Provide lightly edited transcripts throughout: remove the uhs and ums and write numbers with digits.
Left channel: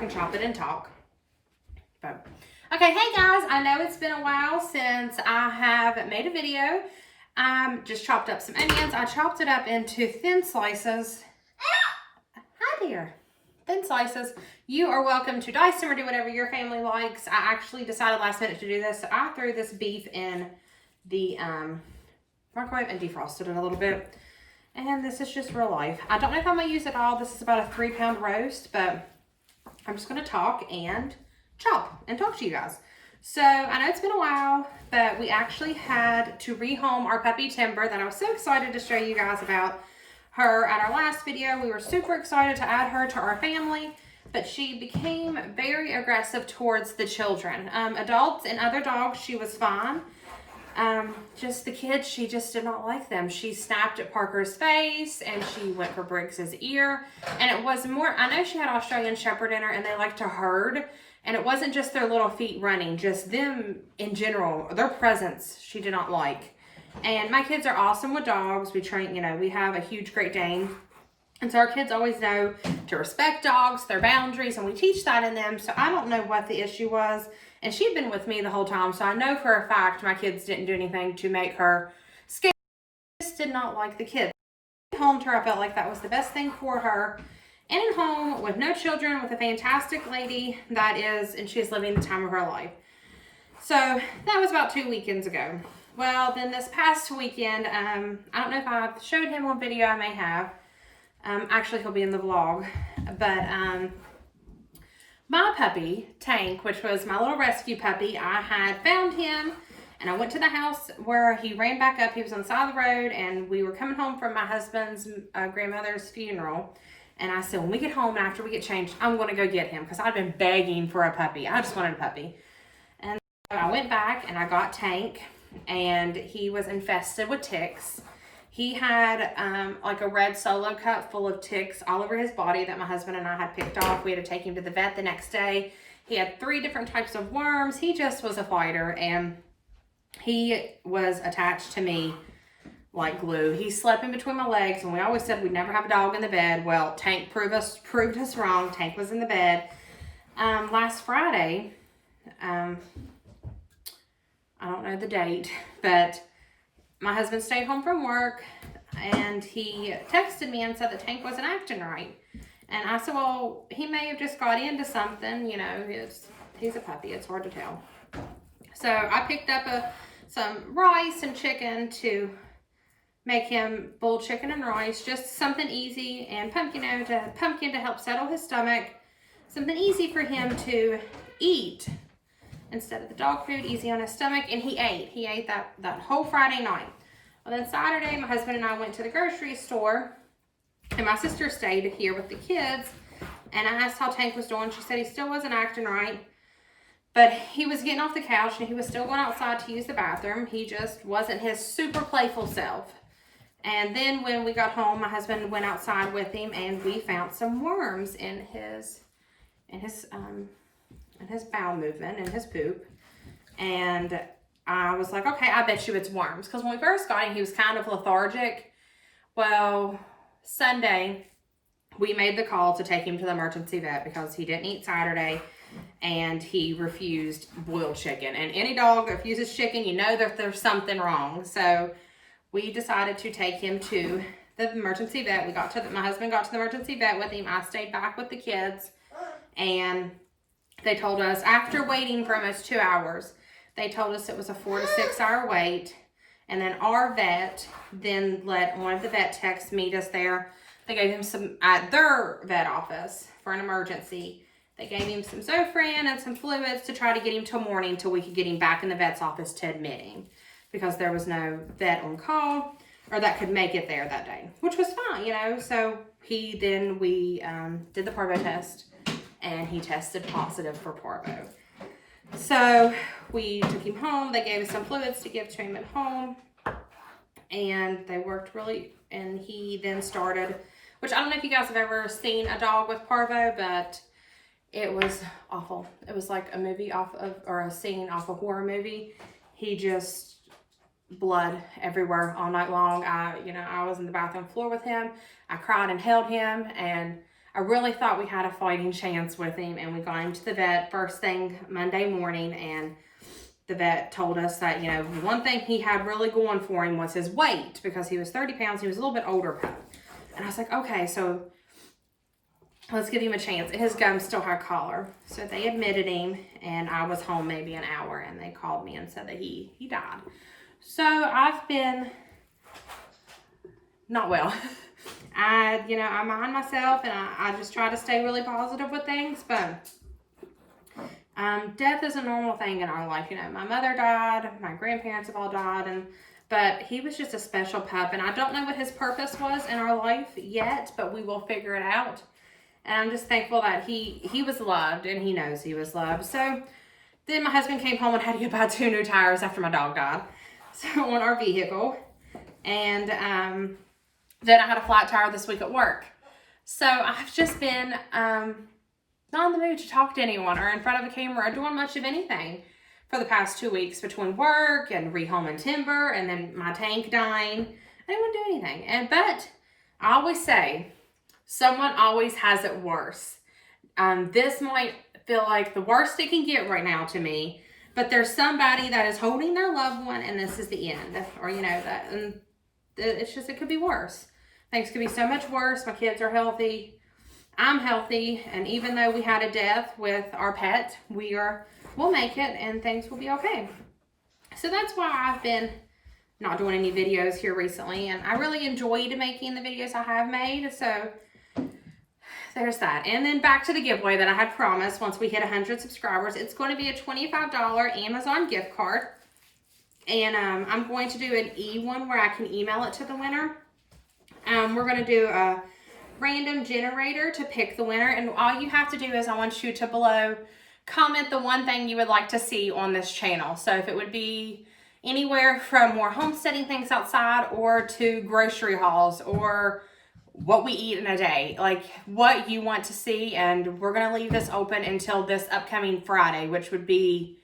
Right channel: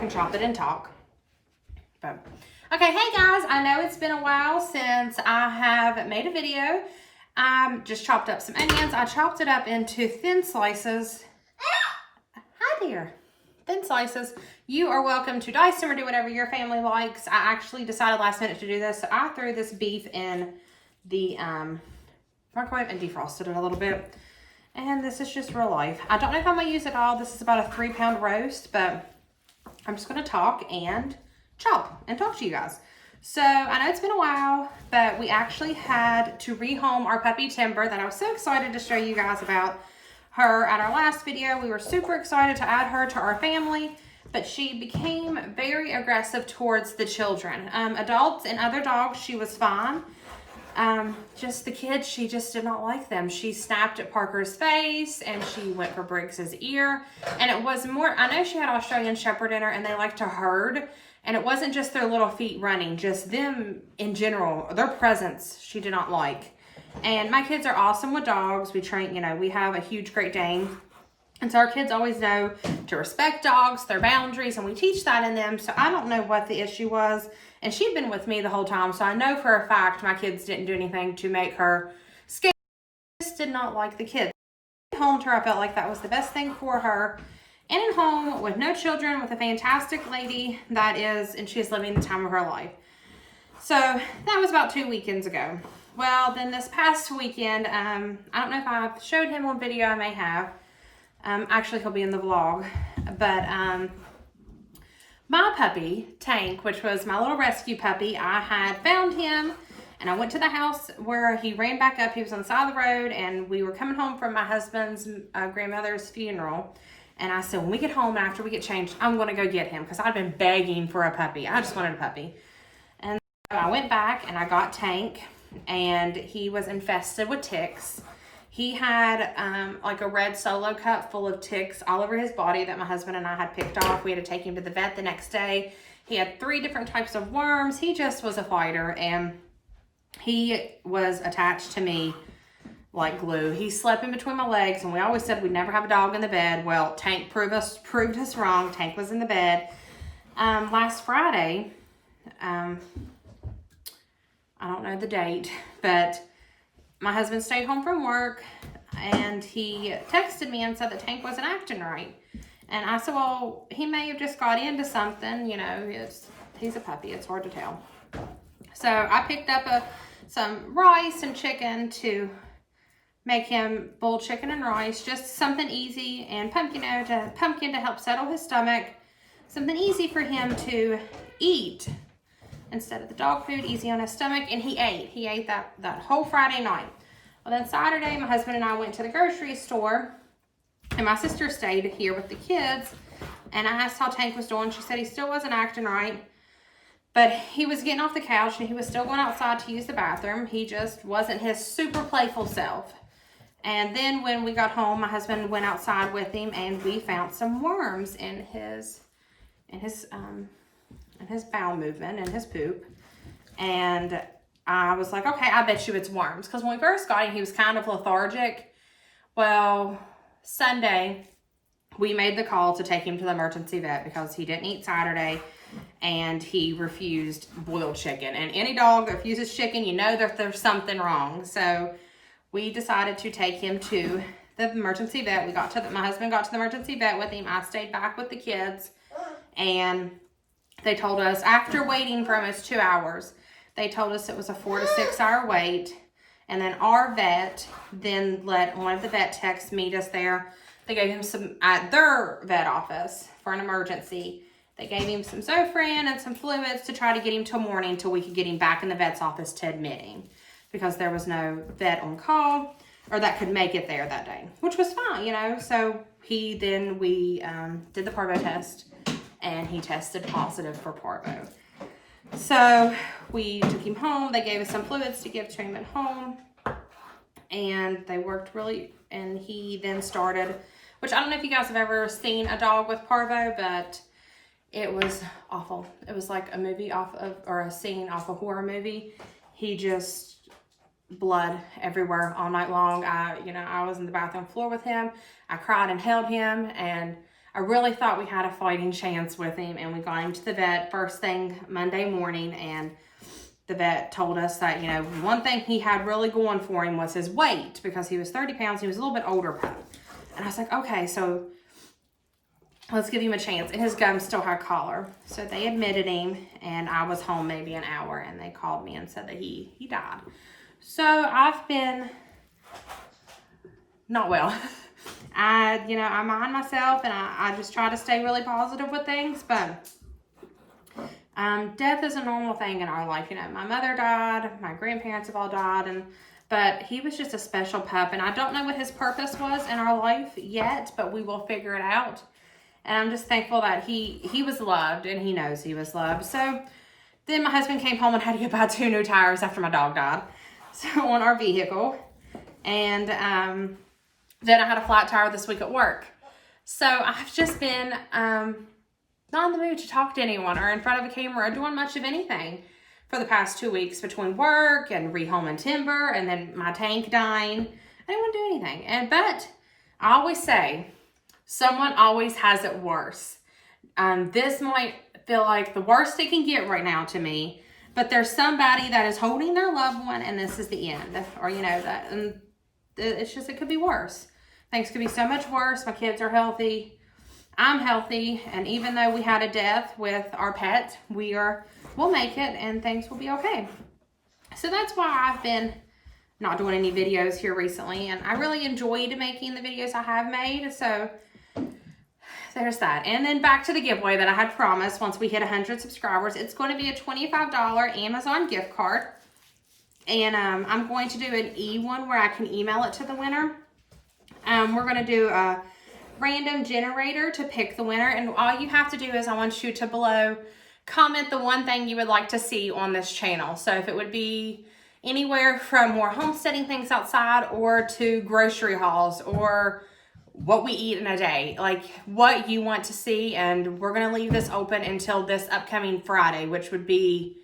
can chop it and talk. But, okay, hey guys, I know it's been a while since I have made a video. Just chopped up some onions. I chopped it up into thin slices. Hi dear. Thin slices. You are welcome to dice them or do whatever your family likes. I actually decided last minute to do this, so I threw this beef in the microwave and defrosted it a little bit. And this is just real life. I don't know if I'm going to use it all. This is about a 3-pound roast, but I'm just going to talk and chop and talk to you guys. So I know it's been a while, but we actually had to rehome our puppy Timber that I was so excited to show you guys about her at our last video. We were super excited to add her to our family, but she became very aggressive towards the children. Adults and other dogs, she was fine. Just the kids, she just did not like them. She snapped at Parker's face and she went for Briggs's ear. And it was more, I know she had Australian Shepherd in her and they like to herd. And it wasn't just their little feet running, just them in general, their presence she did not like. And my kids are awesome with dogs. We train, you know, we have a huge Great Dane. And so our kids always know to respect dogs, their boundaries, and we teach that in them. So I don't know what the issue was. And she'd been with me the whole time, so I know for a fact my kids didn't do anything to make her scared. She just did not like the kids. Homed her, I felt like that was the best thing for her. And at home with no children, with a fantastic lady that is, and she's living the time of her life. So that was about 2 weekends ago. Well, then this past weekend, I don't know if I've showed him on video, I may have. Actually, he'll be in the vlog. But my puppy, Tank, which was my little rescue puppy, I had found him. And I went to the house where he ran back up. He was on the side of the road. And we were coming home from my husband's grandmother's funeral. And I said, when we get home, after we get changed, I'm going to go get him. Because I've been begging for a puppy. I just wanted a puppy. And so I went back and I got Tank. And he was infested with ticks. He had like a red Solo cup full of ticks all over his body that my husband and I had picked off. We had to take him to the vet the next day. He had 3 different types of worms. He just was a fighter. And he was attached to me like glue. He slept in between my legs, and we always said we'd never have a dog in the bed. Well, Tank proved us wrong. Tank was in the bed. Last Friday, I don't know the date, but my husband stayed home from work, and he texted me and said that Tank wasn't acting right. And I said, well, he may have just got into something, you know, he's a puppy, it's hard to tell. So I picked up some rice and chicken to make him boiled chicken and rice, just something easy, and pumpkin to help settle his stomach, something easy for him to eat instead of the dog food, easy on his stomach. And he ate that whole Friday night. Well, then Saturday, my husband and I went to the grocery store, and my sister stayed here with the kids, and I asked how Tank was doing. She said he still wasn't acting right, but he was getting off the couch and he was still going outside to use the bathroom. He just wasn't his super playful self. And then when we got home, my husband went outside with him, and we found some worms in his bowel movement and his poop. And I was like, okay, I bet you it's worms. Because when we first got him, he was kind of lethargic. Well, Sunday, we made the call to take him to the emergency vet because he didn't eat Saturday and he refused boiled chicken. And any dog that refuses chicken, you know that there's something wrong. So we decided to take him to the emergency vet. My husband got to the emergency vet with him. I stayed back with the kids, and they told us, after waiting for almost 2 hours, they told us it was a 4 to 6 hour wait. And then our vet then let one of the vet techs meet us there. They gave him some, at their vet office for an emergency, they gave him some Zofran and some fluids to try to get him till morning till we could get him back in the vet's office to admitting, because there was no vet on call or that could make it there that day, which was fine, you know. So we did the parvo test, and he tested positive for parvo. So we took him home. They gave us some fluids to give to him at home, and they worked really, and he then started, which I don't know if you guys have ever seen a dog with parvo, but it was awful. It was like a movie or a scene off a horror movie. He just, blood everywhere all night long. I was in the bathroom floor with him. I cried and held him, and I really thought we had a fighting chance with him, and we got him to the vet first thing Monday morning, and the vet told us that, you know, one thing he had really going for him was his weight, because he was 30 pounds. He was a little bit older pup. And I was like, okay, so let's give him a chance. And his gums still had collar. So they admitted him, and I was home maybe an hour, and they called me and said that he died. So I've been not well. I mind myself, and I just try to stay really positive with things, but death is a normal thing in our life. You know, my mother died, my grandparents have all died, but he was just a special pup, and I don't know what his purpose was in our life yet, but we will figure it out. And I'm just thankful that he was loved, and he knows he was loved. So then my husband came home and had to go buy 2 new tires after my dog died, so on our vehicle. And then I had a flat tire this week at work. So I've just been not in the mood to talk to anyone or in front of a camera or doing much of anything for the past 2 weeks, between work and rehoming timber and then my tank dying. I didn't want to do anything. But I always say, someone always has it worse. This might feel like the worst it can get right now to me, but there's somebody that is holding their loved one, and this is the end. Or, you know, that, and it's just, it could be worse. Things could be so much worse. My kids are healthy. I'm healthy. And even though we had a death with our pet, we'll make it, and things will be okay. So that's why I've been not doing any videos here recently. And I really enjoyed making the videos I have made. So there's that. And then back to the giveaway that I had promised once we hit 100 subscribers. It's going to be a $25 Amazon gift card. And I'm going to do an one where I can email it to the winner. We're going to do a random generator to pick the winner. And all you have to do is, I want you to below comment the one thing you would like to see on this channel. So if it would be anywhere from more homesteading things outside, or to grocery hauls, or what we eat in a day, like what you want to see. And we're going to leave this open until this upcoming Friday, which would be,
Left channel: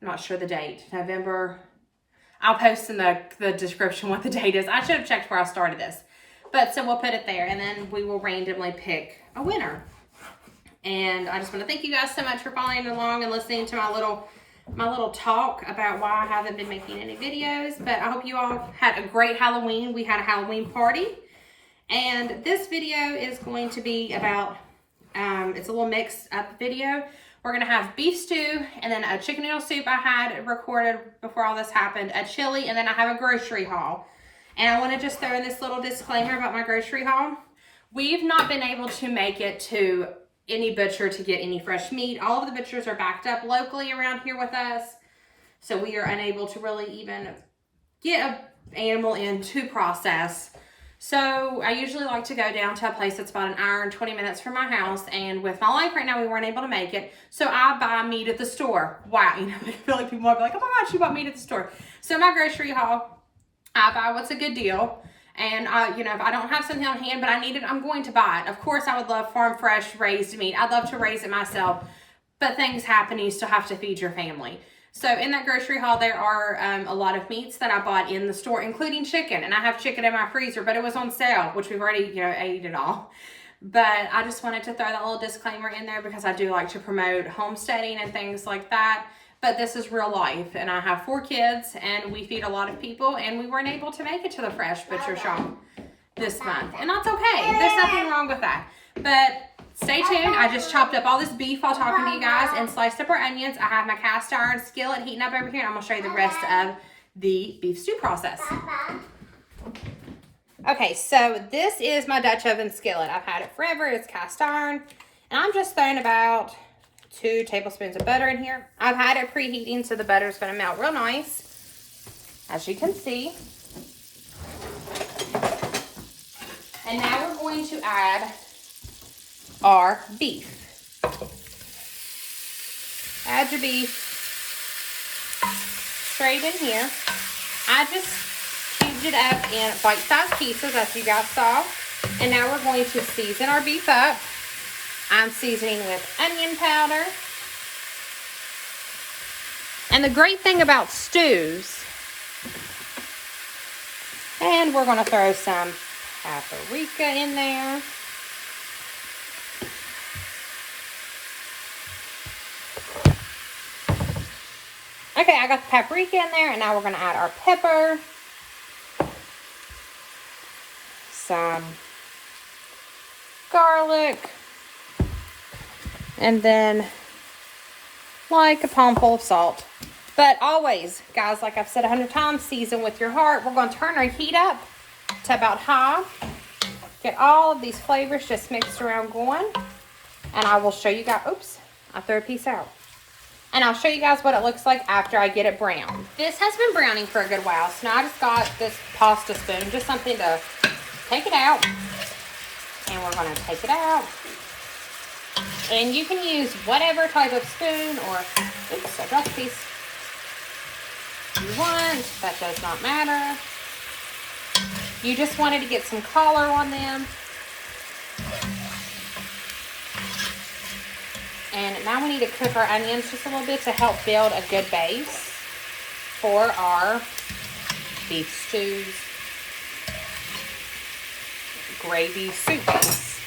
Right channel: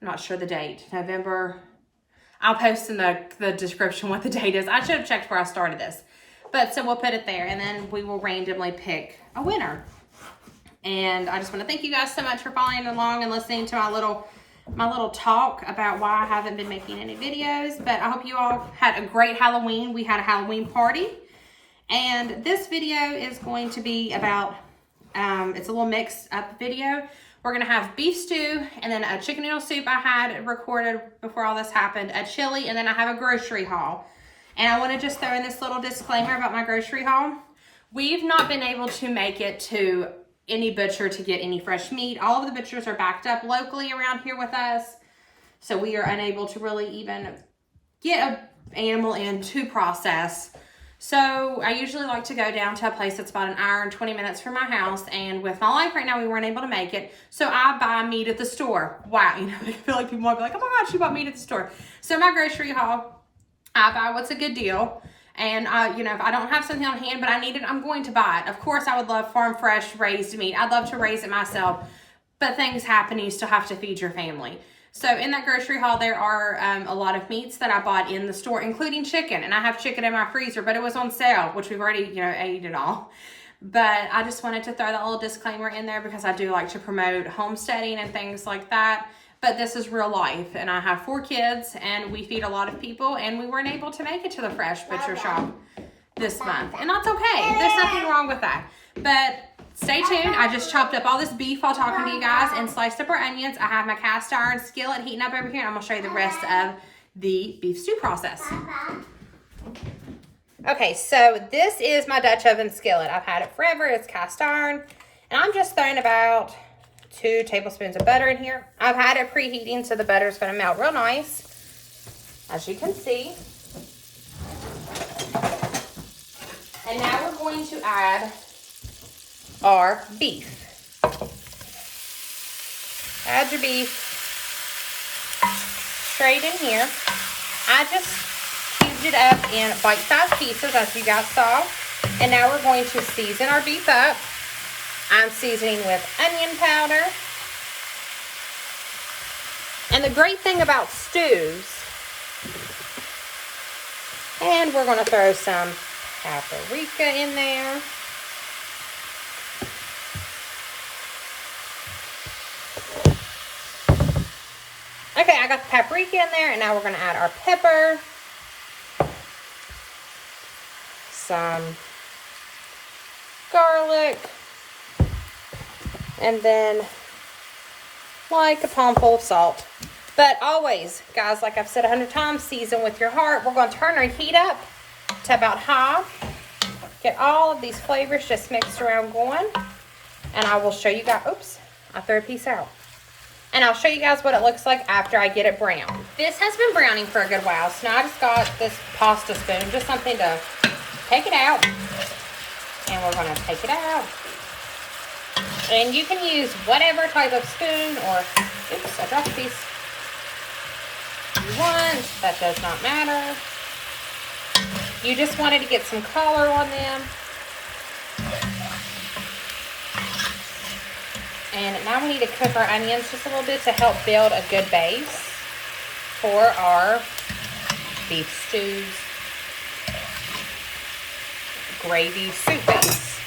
I'm not sure the date, November. I'll post in the description what the date is. I should have checked before I started this. But so we'll put it there, and then we will randomly pick a winner. And I just want to thank you guys so much for following along and listening to my little talk about why I haven't been making any videos. But I hope you all had a great Halloween. We had a Halloween party. And this video is going to be about, it's a little mix up video. We're going to have beef stew, and then a chicken noodle soup I had recorded before all this happened, a chili, and then I have a grocery haul. And I want to just throw in this little disclaimer about my grocery haul. We've not been able to make it to any butcher to get any fresh meat. All of the butchers are backed up locally around here with us. So we are unable to really even get an animal in to process. So I usually like to go down to a place that's about an hour and 20 minutes from my house. And with my life right now, we weren't able to make it. So I buy meat at the store. Wow, you know, I feel like people might be like, oh my gosh, you bought meat at the store. So my grocery haul, I buy what's a good deal. And, you know, if I don't have something on hand, but I need it, I'm going to buy it. Of course, I would love farm fresh raised meat. I'd love to raise it myself. But things happen. You still have to feed your family. So in that grocery haul, there are a lot of meats that I bought in the store, including chicken. And I have chicken in my freezer, but it was on sale, which we've already, you know, ate it all. But I just wanted to throw that little disclaimer in there because I do like to promote homesteading and things like that. But this is real life, and I have 4 kids, and we feed a lot of people, and we weren't able to make it to the fresh butcher shop this month. And that's okay. There's nothing wrong with that. But stay tuned. I just chopped up all this beef while talking to you guys and sliced up our onions. I have my cast iron skillet heating up over here, and I'm going to show you the rest of the beef stew process. Okay, so this is my Dutch oven skillet. I've had it forever. It's cast iron, and I'm just throwing about 2 tablespoons of butter in here. I've had it preheating, so the butter is going to melt real nice, as you can see. And now we're going to add our beef. Add your beef straight in here. I just cubed it up in bite-sized pieces, as you guys saw. And now we're going to season our beef up. I'm seasoning with onion powder. And the great thing about stews, and we're going to throw some paprika in there. Okay, I got the paprika in there, and now we're going to add our pepper. Some garlic. And then like a palmful of salt. But always, guys, like I've said 100 times, season with your heart. We're going to turn our heat up to about high. Get all of these flavors just mixed around going. And I will show you guys, oops, I threw a piece out. And I'll show you guys what it looks like after I get it browned. This has been browning for a good while, so now I just got this pasta spoon, just something to take it out. And we're gonna take it out. And you can use whatever type of spoon or, oops, I dropped a piece. You want, that does not matter. You just wanted to get some color on them. And now we need to cook our onions just a little bit to help build a good base for our beef stews, gravy soup base.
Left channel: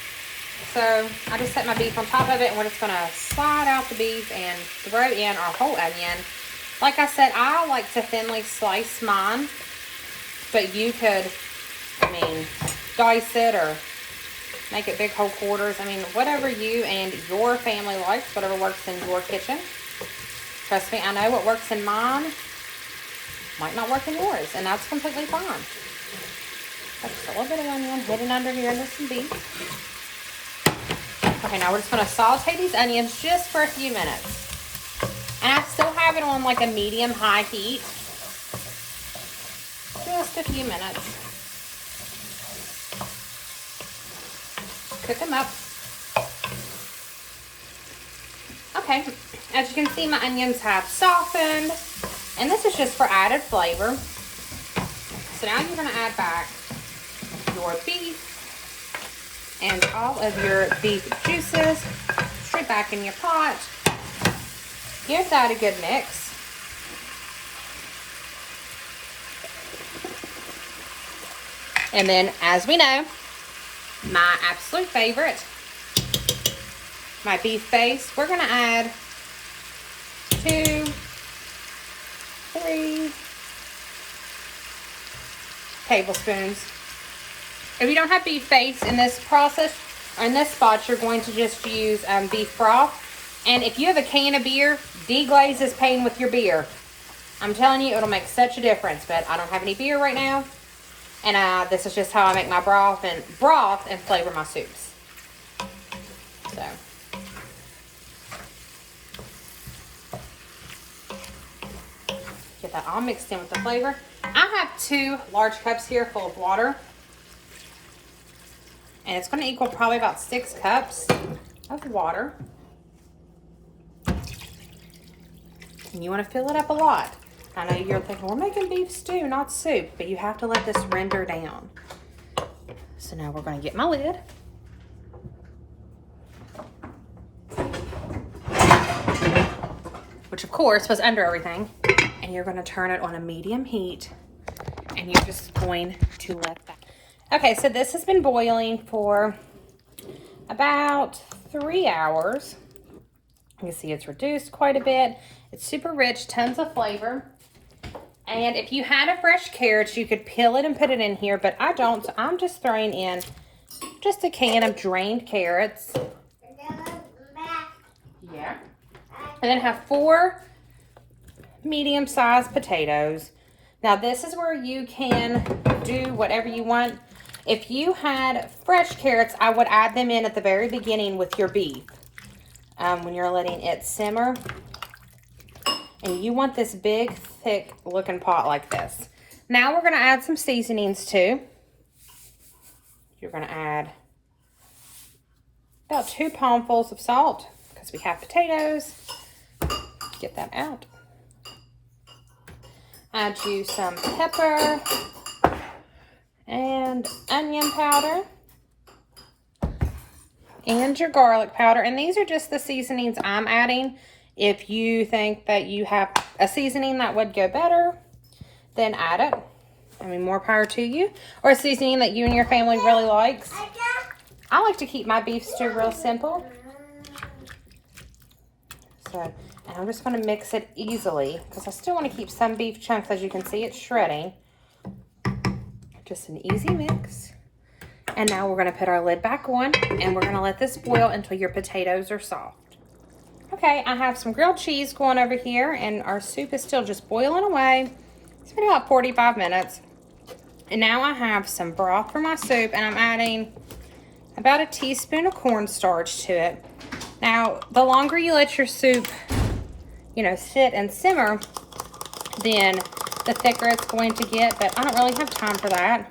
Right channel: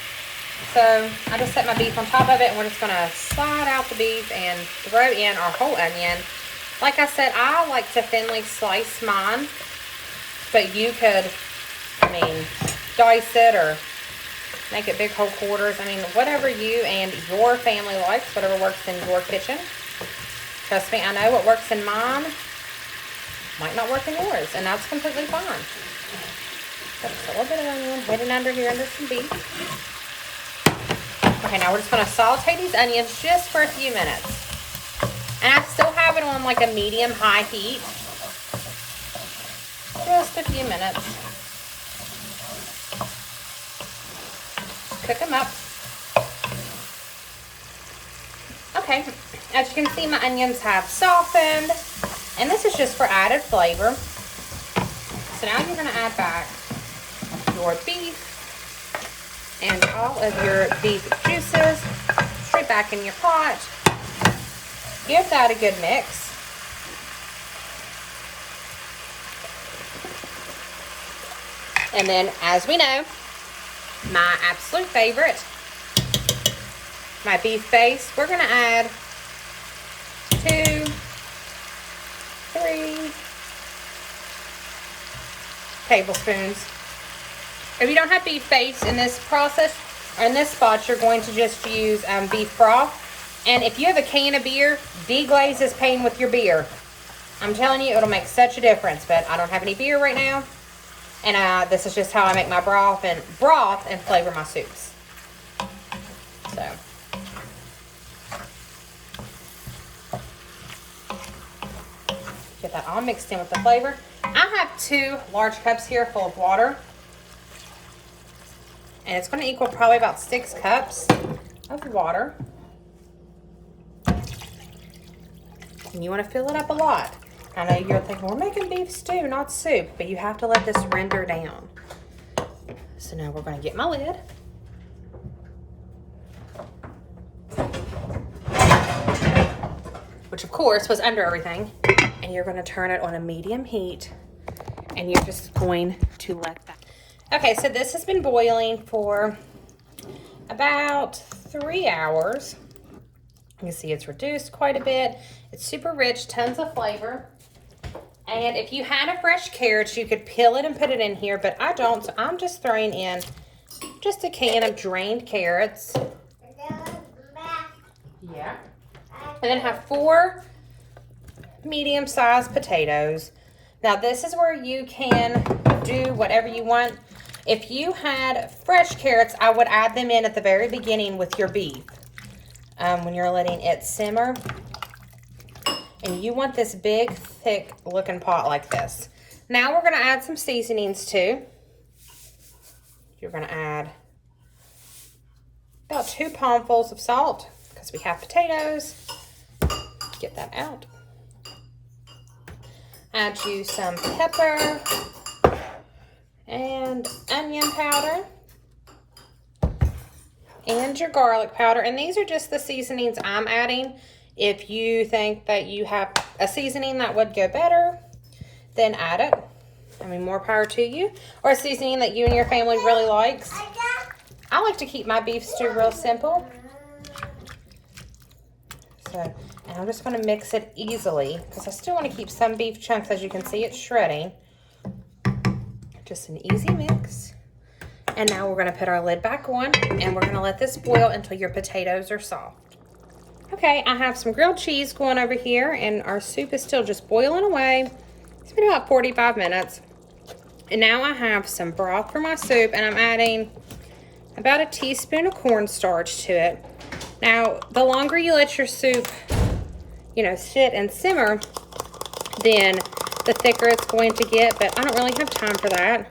So I just set my beef on top of it, and we're just going to slide out the beef and throw in our whole onion. Like I said, I like to thinly slice mine, but you could, dice it or make it big whole quarters. Whatever you and your family likes, whatever works in your kitchen. Trust me, I know what works in mine might not work in yours, and that's completely fine. That's a little bit of onion hidden under here into some beef. Okay, now we're just going to saute these onions just for a few minutes. And I still have it on like a medium-high heat. Just a few minutes. Cook them up. Okay, as you can see, my onions have softened, and this is just for added flavor. So now you're going to add back your beef and all of your beef juices straight back in your pot. Give that a good mix. And then, as we know, my absolute favorite, my beef base, we're going to add 2, 3 tablespoons. If you don't have beef base in this process, or in this spot, you're going to just use beef broth. And if you have a can of beer, deglaze this pan with your beer. I'm telling you, it'll make such a difference. But I don't have any beer right now. And this is just how I make my broth and flavor my soups. So. Get that all mixed in with the flavor. I have 2 large cups here full of water. And it's going to equal probably about 6 cups of water. And you want to fill it up a lot. I know you're thinking, we're making beef stew, not soup. But you have to let this render down. So now we're going to get my lid. Which, of course, was under everything. And you're going to turn it on a medium heat. And you're just going to let that. Okay, so this has been boiling for about 3 hours. You can see it's reduced quite a bit. It's super rich, tons of flavor. And if you had a fresh carrot, you could peel it and put it in here, but I don't. So I'm just throwing in just a can of drained carrots. Yeah. And then have 4 medium-sized potatoes. Now this is where you can do whatever you want. If you had fresh carrots, I would add them in at the very beginning with your beef. When you're letting it simmer. And you want this big, thick looking pot like this. Now we're going to add some seasonings too. You're going to add about 2 palmfuls of salt because we have potatoes. Get that out. Add you some pepper and onion powder and your garlic powder. And these are just the seasonings I'm adding. If you think that you have a seasoning that would go better, then add it. More power to you. Or a seasoning that you and your family really likes. I like to keep my beef stew real simple. good. And I'm just going to mix it easily because I still want to keep some beef chunks. As you can see, it's shredding. Just an easy mix. And now we're going to put our lid back on and we're going to let this boil until your potatoes are soft. Okay, I have some grilled cheese going over here and our soup is still just boiling away. It's been about 45 minutes. And now I have some broth for my soup and I'm adding about a teaspoon of cornstarch to it. Now, the longer you let your soup, you know, sit and simmer, then the thicker it's going to get, but I don't really have time for that.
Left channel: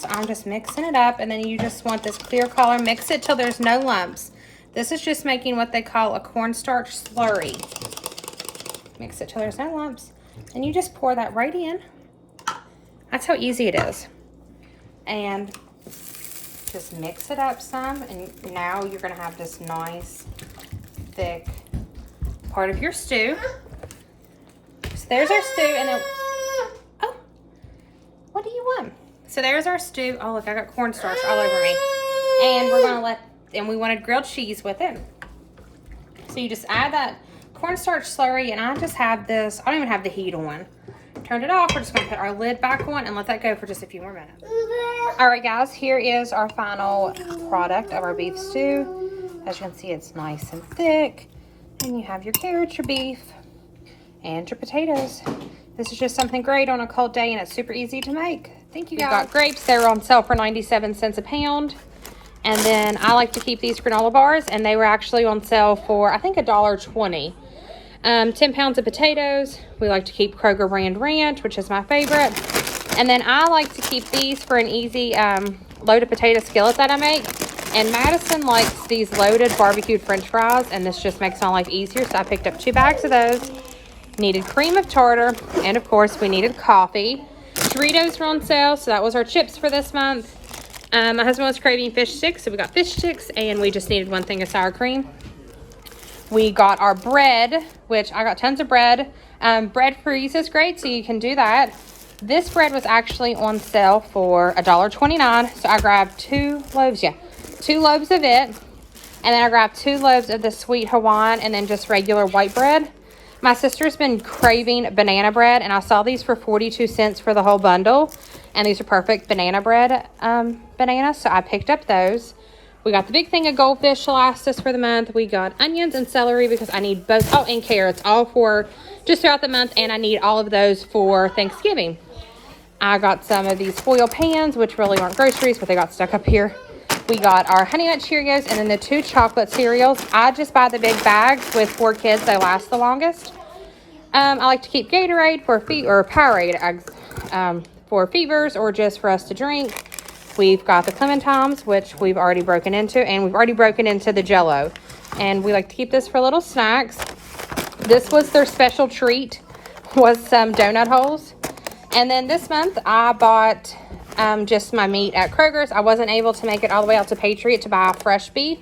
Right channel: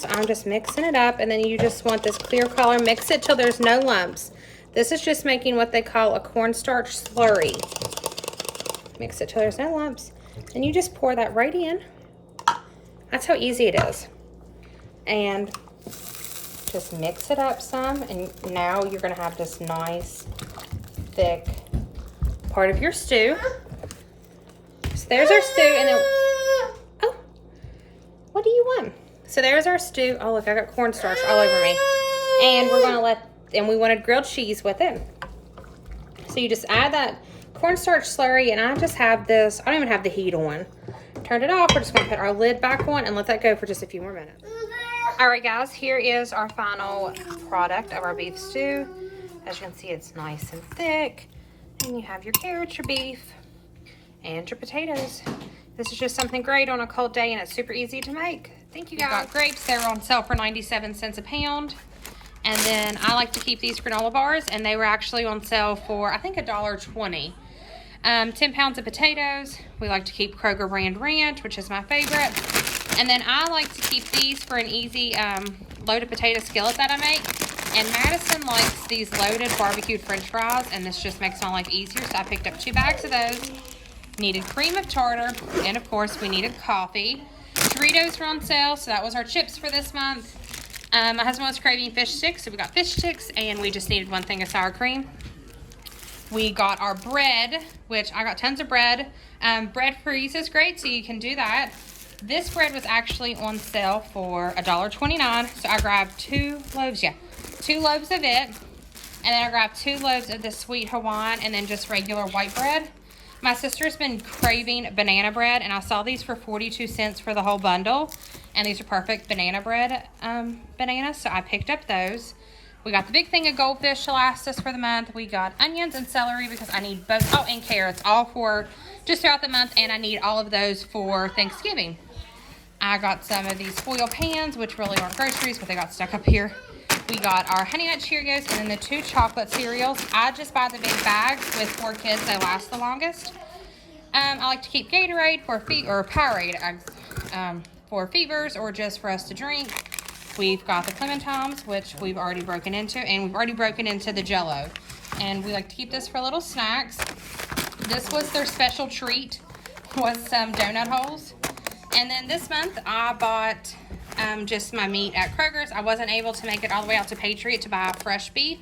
So I'm just mixing it up, and then you just want this clear color. Mix it till there's no lumps. This is just making what they call a cornstarch slurry. Mix it till there's no lumps, and you just pour that right in. That's how easy it is. And just mix it up some, and now you're gonna have this nice, thick part of your stew. So there's our stew, and then, oh, what do you want? So there's our stew. Oh, look, I got cornstarch all over me. And we're gonna and we wanted grilled cheese with it. So you just add that cornstarch slurry, and I just have this, I don't even have the heat on. Turned it off. We're just gonna put our lid back on and let that go for just a few more minutes. All right, guys, here is our final product of our beef stew. As you can see, it's nice and thick. And you have your carrots, your beef, and your potatoes. This is just something great on a cold day, and it's super easy to make. Thank you, guys. We've got grapes. They were on sale for 97 cents a pound. And then I like to keep these granola bars, and they were actually on sale for, I think, $1.20. 10 pounds of potatoes. We like to keep Kroger brand ranch, which is my favorite. And then I like to keep these for an easy loaded potato skillet that I make. And Madison likes these loaded barbecued french fries, and this just makes my life easier. So I picked up 2 bags of those. Needed cream of tartar, and of course we needed coffee. Doritos were on sale, so that was our chips for this month. My husband was craving fish sticks, so we got fish sticks, and we just needed 1 thing of sour cream. We got our bread, which I got tons of bread. Bread freeze is great, so you can do that. This bread was actually on sale for $1.29, so I grabbed 2 loaves, 2 loaves of it, and then I grabbed 2 loaves of the sweet Hawaiian, and then just regular white bread. My sister's been craving banana bread, and I saw these for 42 cents for the whole bundle, and these are perfect banana bread bananas, so I picked up those. We got the big thing of goldfish to last us for the month. We got onions and celery because I need both, oh, and carrots, all for just throughout the month, and I need all of those for Thanksgiving. I got some of these foil pans, which really aren't groceries, but they got stuck up here. We got our Honey Nut Cheerios and then the 2 chocolate cereals. I just buy the big bags with 4 kids. They last the longest. I like to keep Gatorade for Powerade for fevers or just for us to drink. We've got the Clementines, which we've already broken into, and we've already broken into the Jell-O. And we like to keep this for little snacks. This was their special treat, was some donut holes. And then this month I bought just my meat at Kroger's. I wasn't able to make it all the way out to Patriot to buy fresh beef.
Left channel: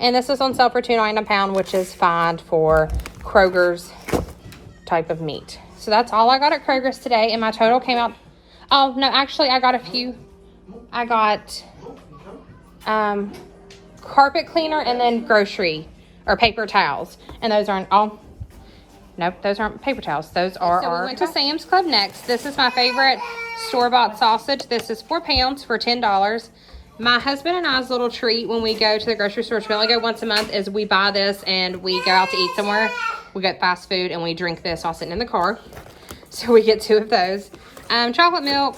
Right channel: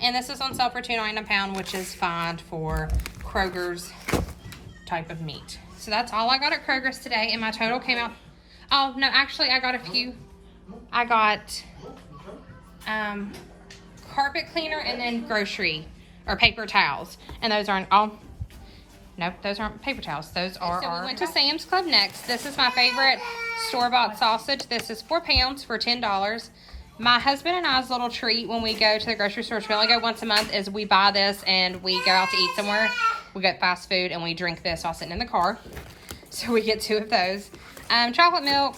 And this is on sale for $2.99 a pound, which is fine for Kroger's type of meat. So that's all I got at Kroger's today. And my total came out, oh no, actually I got a few. I got carpet cleaner and then grocery or paper towels. And those aren't all. Nope, those aren't paper towels. Those are our... We went to Sam's Club next. This is my favorite store-bought sausage. This is 4 pounds for $10. My husband and I's little treat when we go to the grocery store, which we only go once a month, is we buy this and we go out to eat somewhere. We get fast food and we drink this while sitting in the car. So we get 2 of those. Chocolate milk.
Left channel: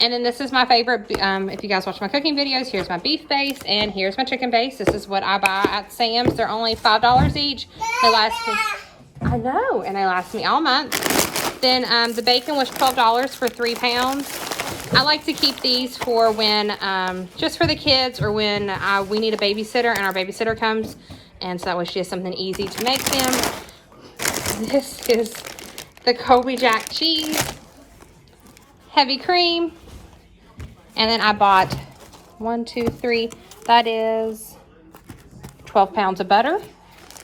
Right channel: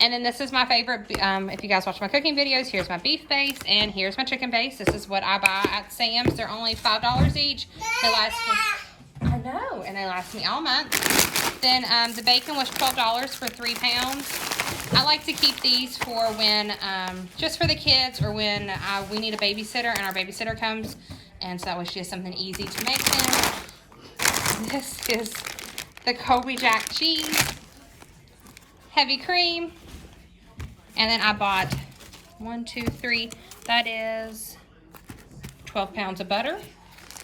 And then this is my favorite. If you guys watch my cooking videos, here's my beef base and here's my chicken base. This is what I buy at Sam's. They're only $5 each. They last me... I know, and they last me all month. Then the bacon was $12 for 3 pounds. I like to keep these for when, just for the kids or when we need a babysitter and our babysitter comes. And so that way she has something easy to make them. This is the Colby Jack cheese, heavy cream. And then I bought 1, 2, 3, that is 12 pounds of butter.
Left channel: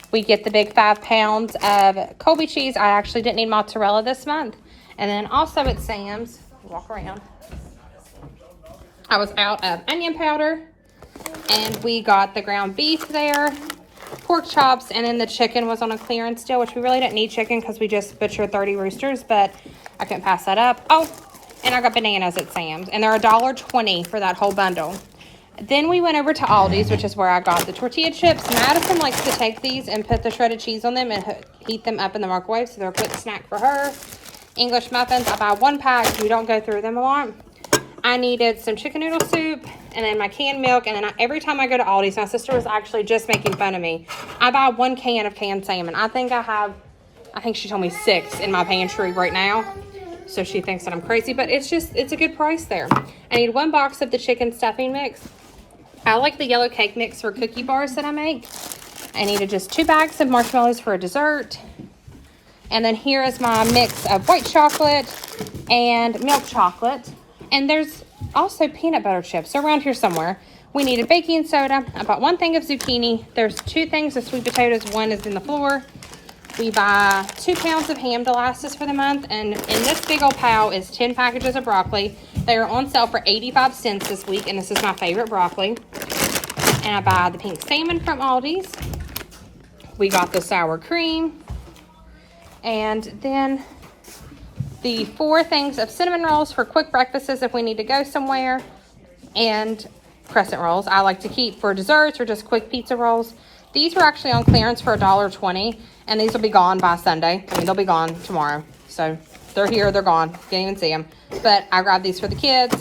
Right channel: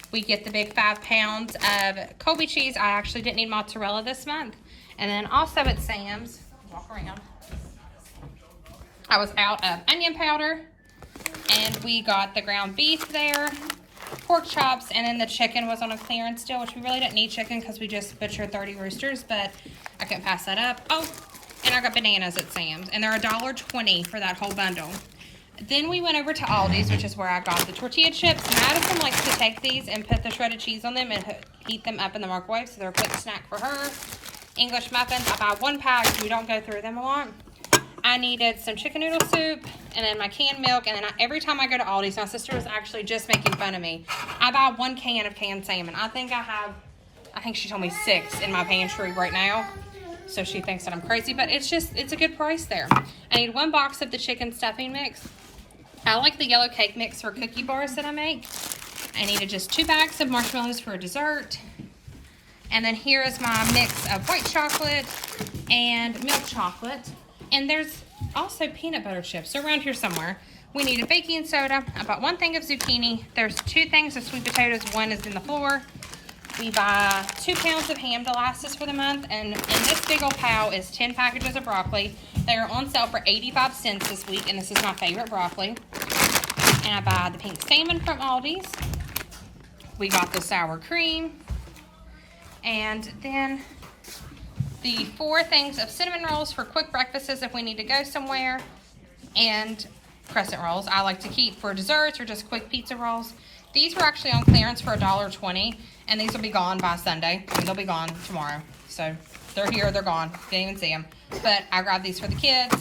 We get the big 5 pounds of Colby cheese. I actually didn't need mozzarella this month. And then also at Sam's, walk around, I was out of onion powder. And we got the ground beef there. pork chops, and then the chicken was on a clearance deal, which we really didn't need chicken because we just butchered 30 roosters, but I couldn't pass that up. Oh, and I got bananas at Sam's, and they're $1.20 for that whole bundle. Then we went over to Aldi's, which is where I got the tortilla chips. Madison likes to take these and put the shredded cheese on them and heat them up in the microwave, so they're a quick snack for her. English muffins, I buy 1 pack, so we don't go through them a lot. I needed some chicken noodle soup, and then my canned milk, and then every time I go to Aldi's, my sister was actually just making fun of me. I buy 1 can of canned salmon. I think she told me 6 in my pantry right now. So she thinks that I'm crazy, but it's a good price there. I need 1 box of the chicken stuffing mix. I like the yellow cake mix for cookie bars that I make. I needed just 2 bags of marshmallows for a dessert. And then here is my mix of white chocolate and milk chocolate. And there's also peanut butter chips around here somewhere. We needed baking soda. I bought 1 thing of zucchini. There's 2 things of sweet potatoes. 1 is in the floor. We buy 2 pounds of ham to last us for the month. And in this big old pile is 10 packages of broccoli. They are on sale for 85 cents this week, and this is my favorite broccoli. And I buy the pink salmon from Aldi's. We got the sour cream. And then the 4 things of cinnamon rolls for quick breakfasts if we need to go somewhere. And crescent rolls I like to keep for desserts or just quick pizza rolls. These were actually on clearance for $1.20, and these will be gone by Sunday. I mean, they'll be gone tomorrow. So they're here, they're gone. Can't even see them. But I grabbed these for the kids.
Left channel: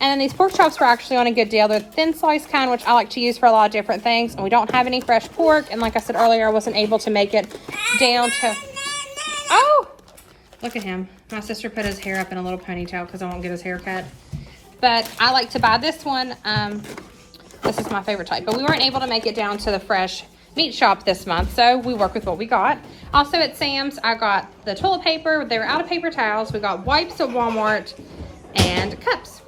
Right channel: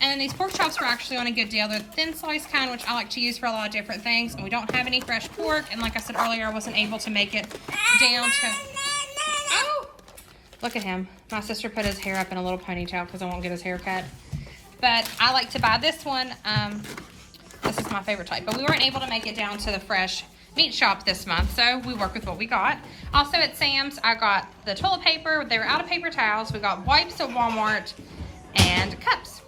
And then these pork chops were actually on a good deal. They're thin slice kind, which I like to use for a lot of different things. And we don't have any fresh pork. And like I said earlier, I wasn't able to make it down to... Oh! Look at him. My sister put his hair up in a little ponytail because I won't get his hair cut. But I like to buy this one. This is my favorite type. But we weren't able to make it down to the fresh meat shop this month, so we work with what we got. Also at Sam's, I got the toilet paper. They were out of paper towels. We got wipes at Walmart and cups.